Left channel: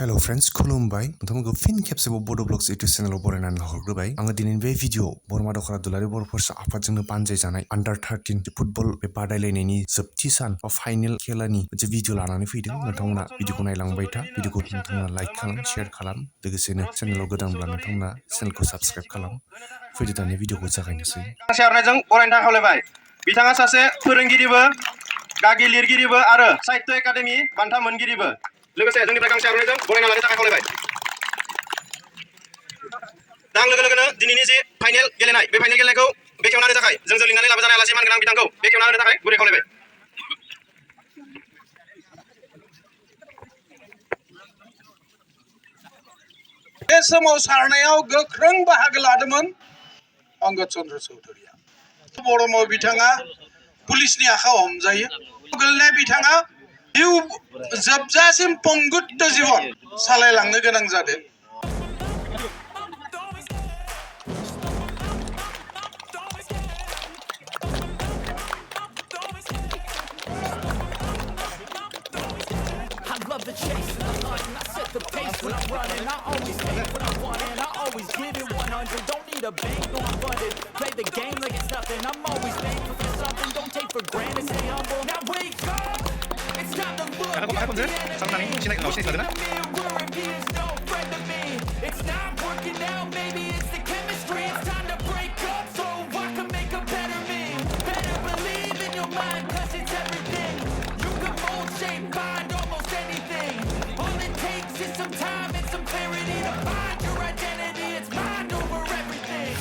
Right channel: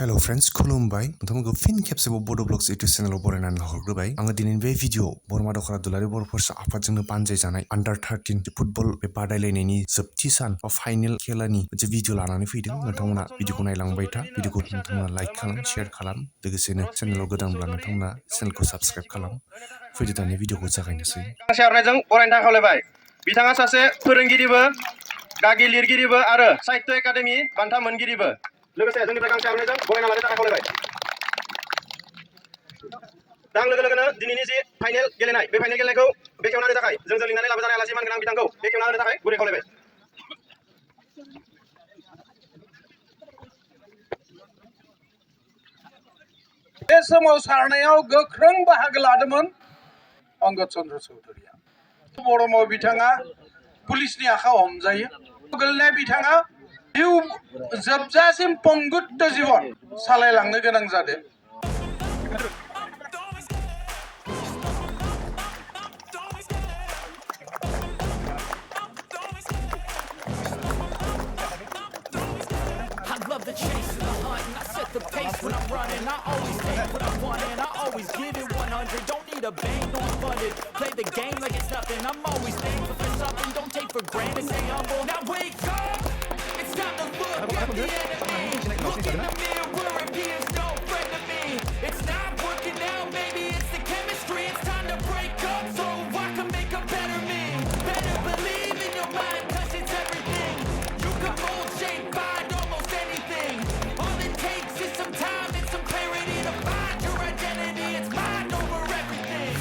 Hello friends, खुलुमबाय नोंथांमोनखौ fin खेबसेबाव बड' blogs YouTube चेनेलाव बरायनानै हरग्रोबाय आङो दिनैनि बे भिडिअ बरमा दखरा दुलाराय बर'फोरसा आफादजोंनो बानजायजानाय आन्डार 13 फुटबल बे बादायलायनायनि जोबथि सान बा फाइनाल खेलानि मोनसे भिडिअ लानानै फैदों नोंथांमोना भिडिअखौ नायलांबाय था भिडिअखौ नोंथांमोना लाइक खालाम शेयार खालाम लोगोसेनो चेनेलाव गोदानब्ला नोंथांमोना चेनेलखौ साबस्क्राइब खालाम फैदो दानि भिडिअखौ जागायनोसै शेयारनायजों बरायनो थाखाय खावलायबाय बिथाङा सासे फोरोंगिरिबो गागि लिरगिरिबो आरो साहित्य एकाडेमि बान्था मोनगिरिबो लोगोसे जोंनिफ्राय गांसे आर'नाइजों बरायना लानो थाखाय खावलायबाय दा लोगो लोगोनो दिनैनि जे फाइनाल गेलेनाय बे फाइनाल गेलेनायखौ बेखेवना होनो थाखाय जोंजों लिंनानै लाबोजानाय आलासि मानगोनां बिथांखौ बेखेवना होनो थाखाय गुरै खावलायबाय बे सोमावसारनायाव गोख्रों बाहागो लादोंमोन अंगद चन्द्र चौधुरीया बरम बिथाङा पुलिसनि आखायाव हमजायो गोलैनाय बिथाङा जिउ जोबजासिम पंगुत्त जीवन सालायलांनो गोनां जादों Love the chase and the hunt, and I set the pace when I'm running. I always take what I want and I always give it 100. Don't need a bank, no I'm funded. Play the game like it's nothing. I'm always thankful for something. Don't take for granted, stay humble. Now wake up! It's time to look at the enemy. Look in the mirror if he is no friend to me. It's not working out, maybe it's the chemistry. It's time to break up so I can make a better me. Better believe in your mind, cause it's everything. You can mold, shape, find almost anything. All it takes is some time and some clarity to find your identity. It's mind over everything.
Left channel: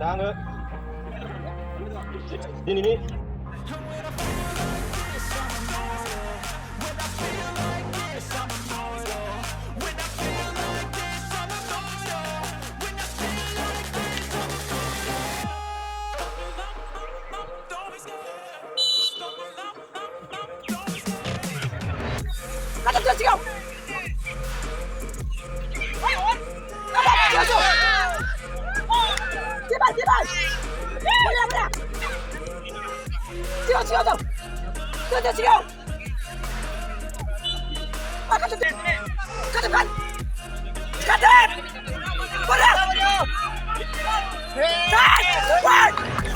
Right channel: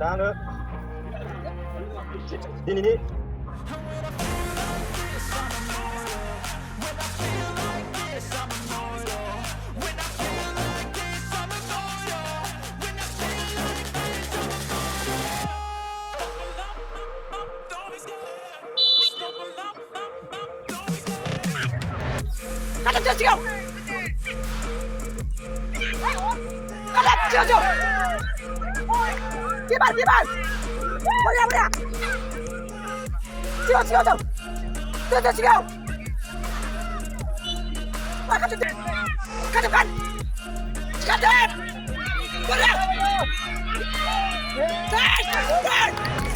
दा दिनैनि And when I feel like this, I'm immortal. When I feel like this, I'm immortal. When I feel like this, I'm immortal. When I feel like this, I'm immortal.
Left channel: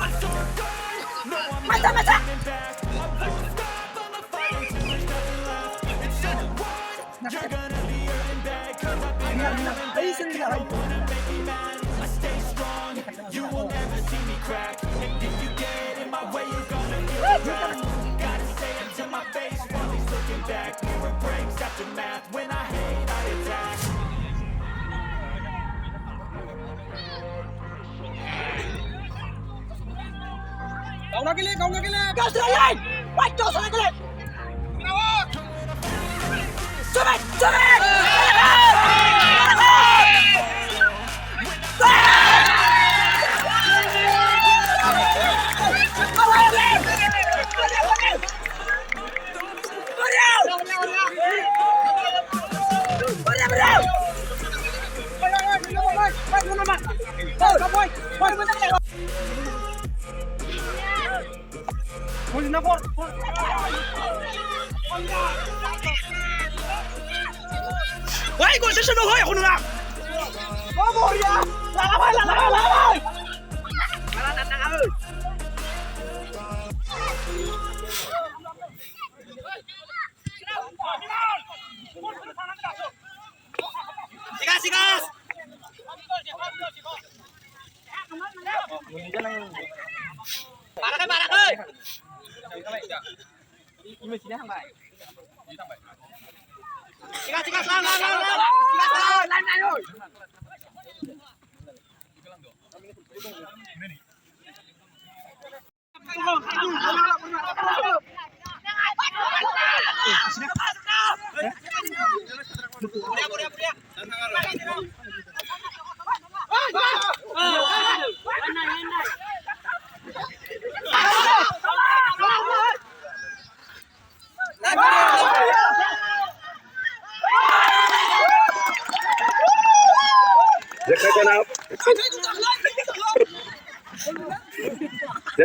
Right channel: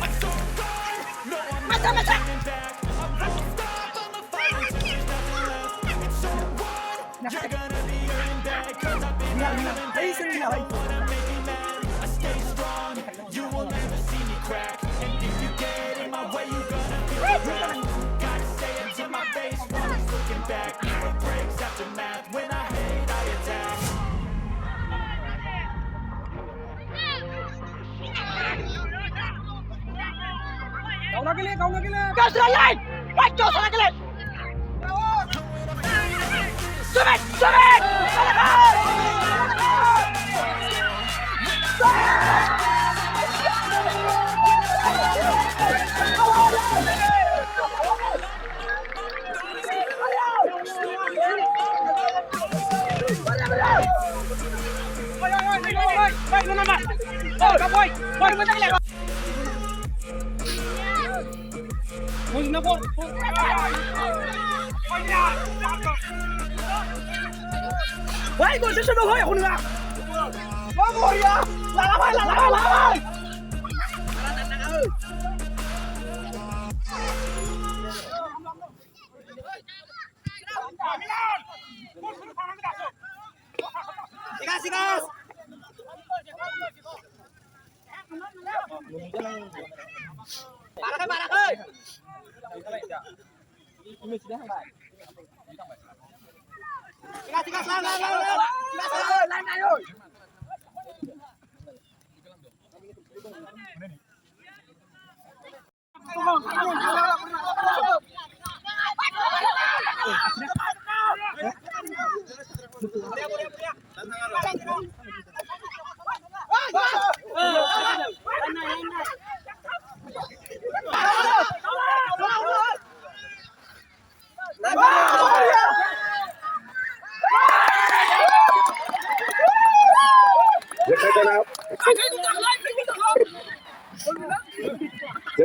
I'm so gone. No, I'm never turning back. I won't stop. I'ma fight until there's nothing left. It's so on. You're gonna be hurting bad, cause I've been hurting back. You don't wanna make me mad. I stay strong. You will never see me crack. And if you get in my way, you gonna feel the wrath. Gotta say it to my face while he's looking back. Mirror breaks after math. When I hate, I attack. Kauna ke liye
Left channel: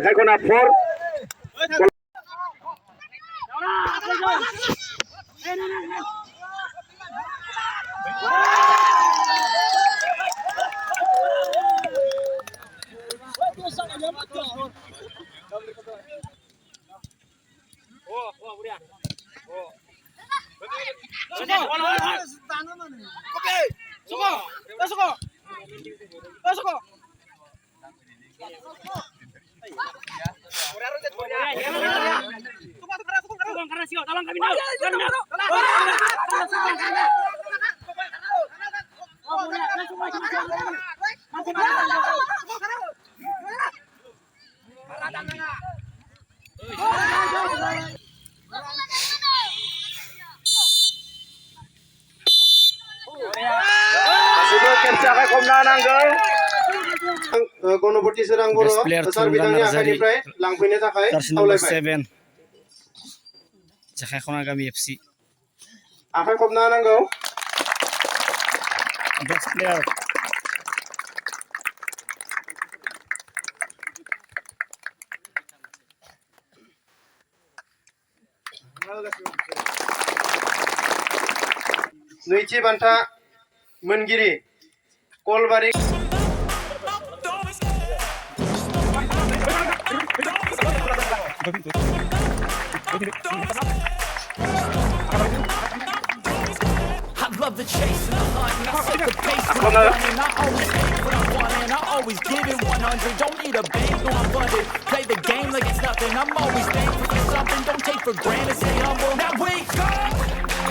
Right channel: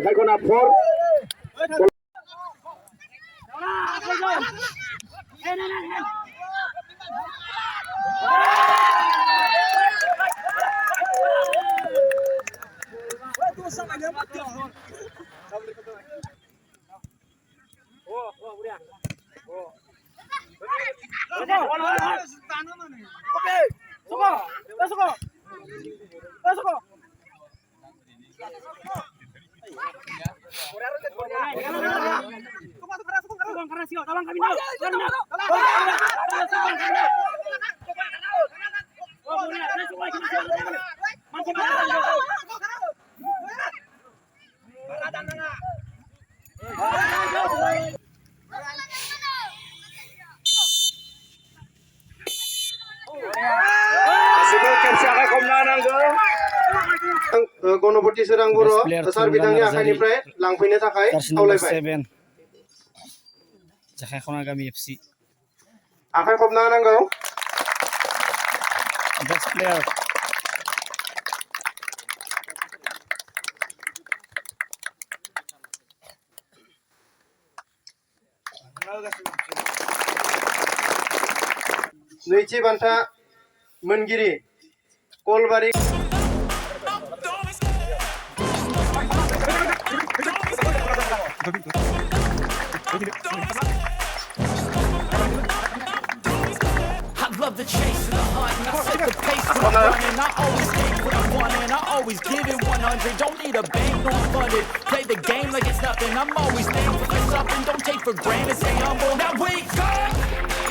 जेखाइखना 4 Ganpati सोरां बर' सार बिथांनि आखाइनिफ्राय लांफैनो थाखाय खावलायबाय जेखाइखना गामि FC आखाइ खबना होनांगौ best player नैथि बान्था मोनगिरि कलबारि I love the chase and the hunt, and I set the pace when I'm running. I always take what I want and I always give it 100. Don't need a bank, no I'm funded. Play the game like it's nothing. I'm always thankful for something. Don't take for granted, stay humble. Now wake up!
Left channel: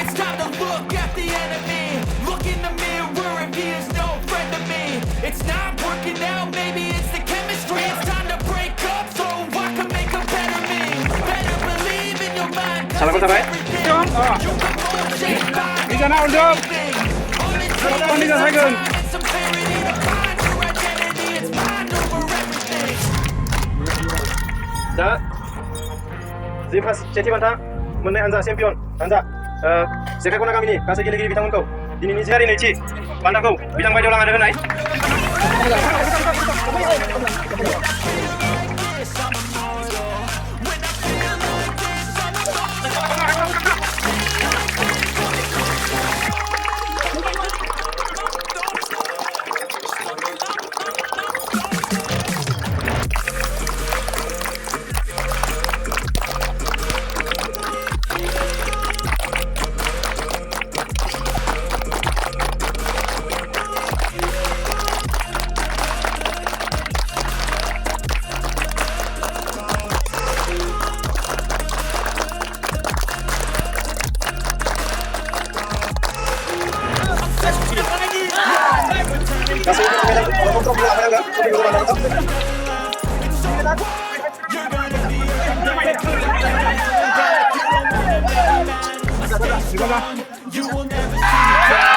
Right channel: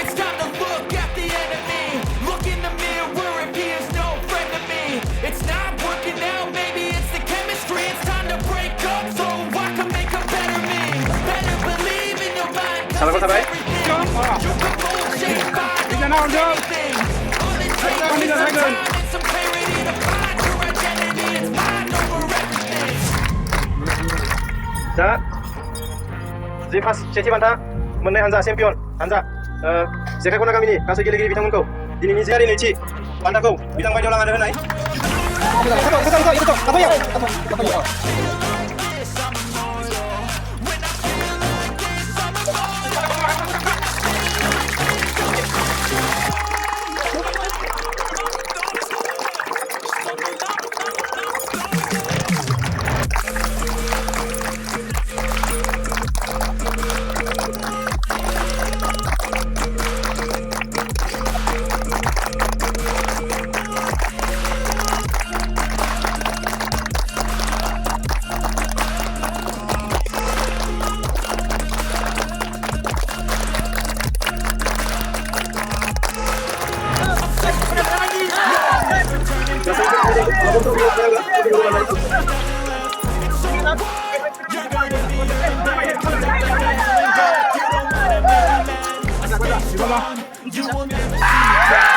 It's time to look at the enemy. Look in the mirror if he is no friend to me. It's not working out, maybe it's the chemistry. It's time to break up so I can make a better me. Better believe in your mind, cause it's everything. You can mold, shape, find almost anything. All it takes is some time and some clarity to find your identity. It's mind over everything. 자, 세티 반타 मोननाय हानजा champion हानजा जेखाइखना गामिनि गासै गेलेगिरि बिथांमोनखौ दिनैनि जियारि नैथि बान्थाखौ बिथां बायदियाव लानानै होनाय You will never see me back.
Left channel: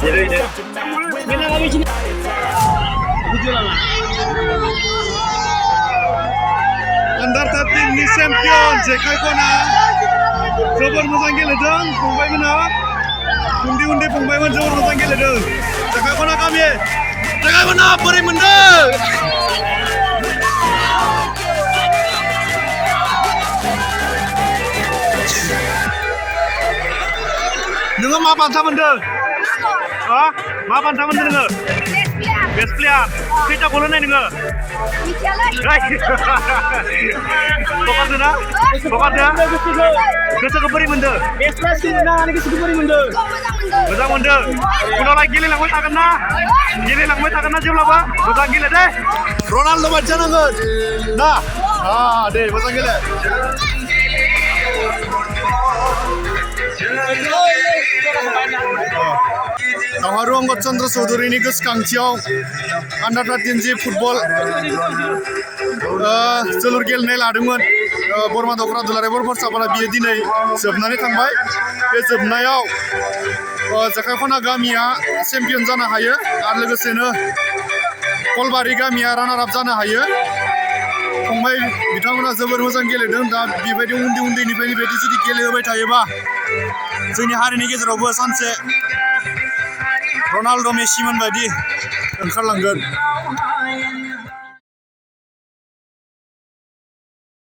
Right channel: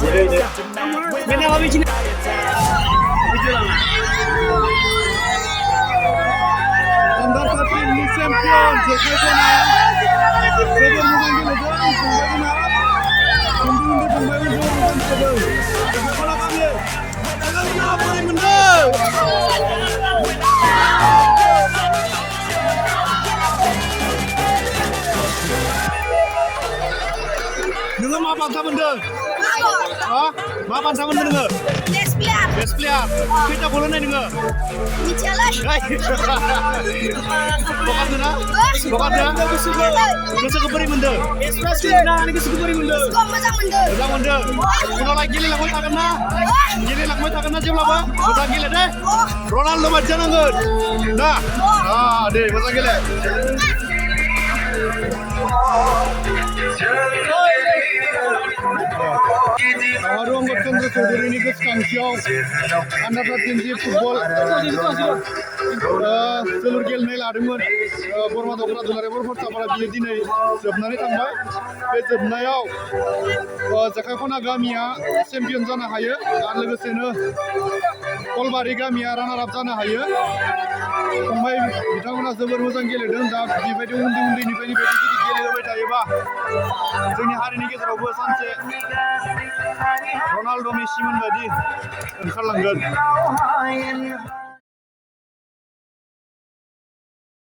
Get in my way, Under 13 ni champion जेखाइखना जोबोर मोजां गेलेदों फंबायमोनहा उन्दै फंबायमोन जोबोर मोजां गेलेदों जेखाइखना गामि जेखाइखना बोरै मोनदों नोङो मा बान्था मोनदों मा बान्था मोनदों नोङो बेस्ट प्लेयार खैथा गल होनाय नोङो हगारदो ना गोसोखौ बोरै मोनदों मोजां मोनदों उनावलाय गेलेलांबाय थागोन ना जेब्लाबो मोजां गेले दे रनाल्ड' बायदि जानांगोन ना दे मोजां गेले दावहारु अंगद चन्द्र चौधुरीनि गोसोखांथियाव आन्डार 13 जि फुटबल जोलुर गेलेनाय लादोंमोन बरमा दख'रा दुलाराय बर' फरायसाफोरा बियो दिनै जोबनानै थांबाय बे जोबनायाव जेखाइखना गामिया चेम्पियन जानो हायो आरो लोगोसेनो कलबारि गामिया रानार आप जानो हायो फंबाय बिथांमोना जोबोर मोजां गेलेदों दा बेबायदि उन्दैनिफ्रायनो बेबायदि जुदि गेलेहोबाय थायोबा जोंनि हारिनि गेजेरावबो सानसे रनाल्ड' मेसिमोन बायदि ओंखारलांगोन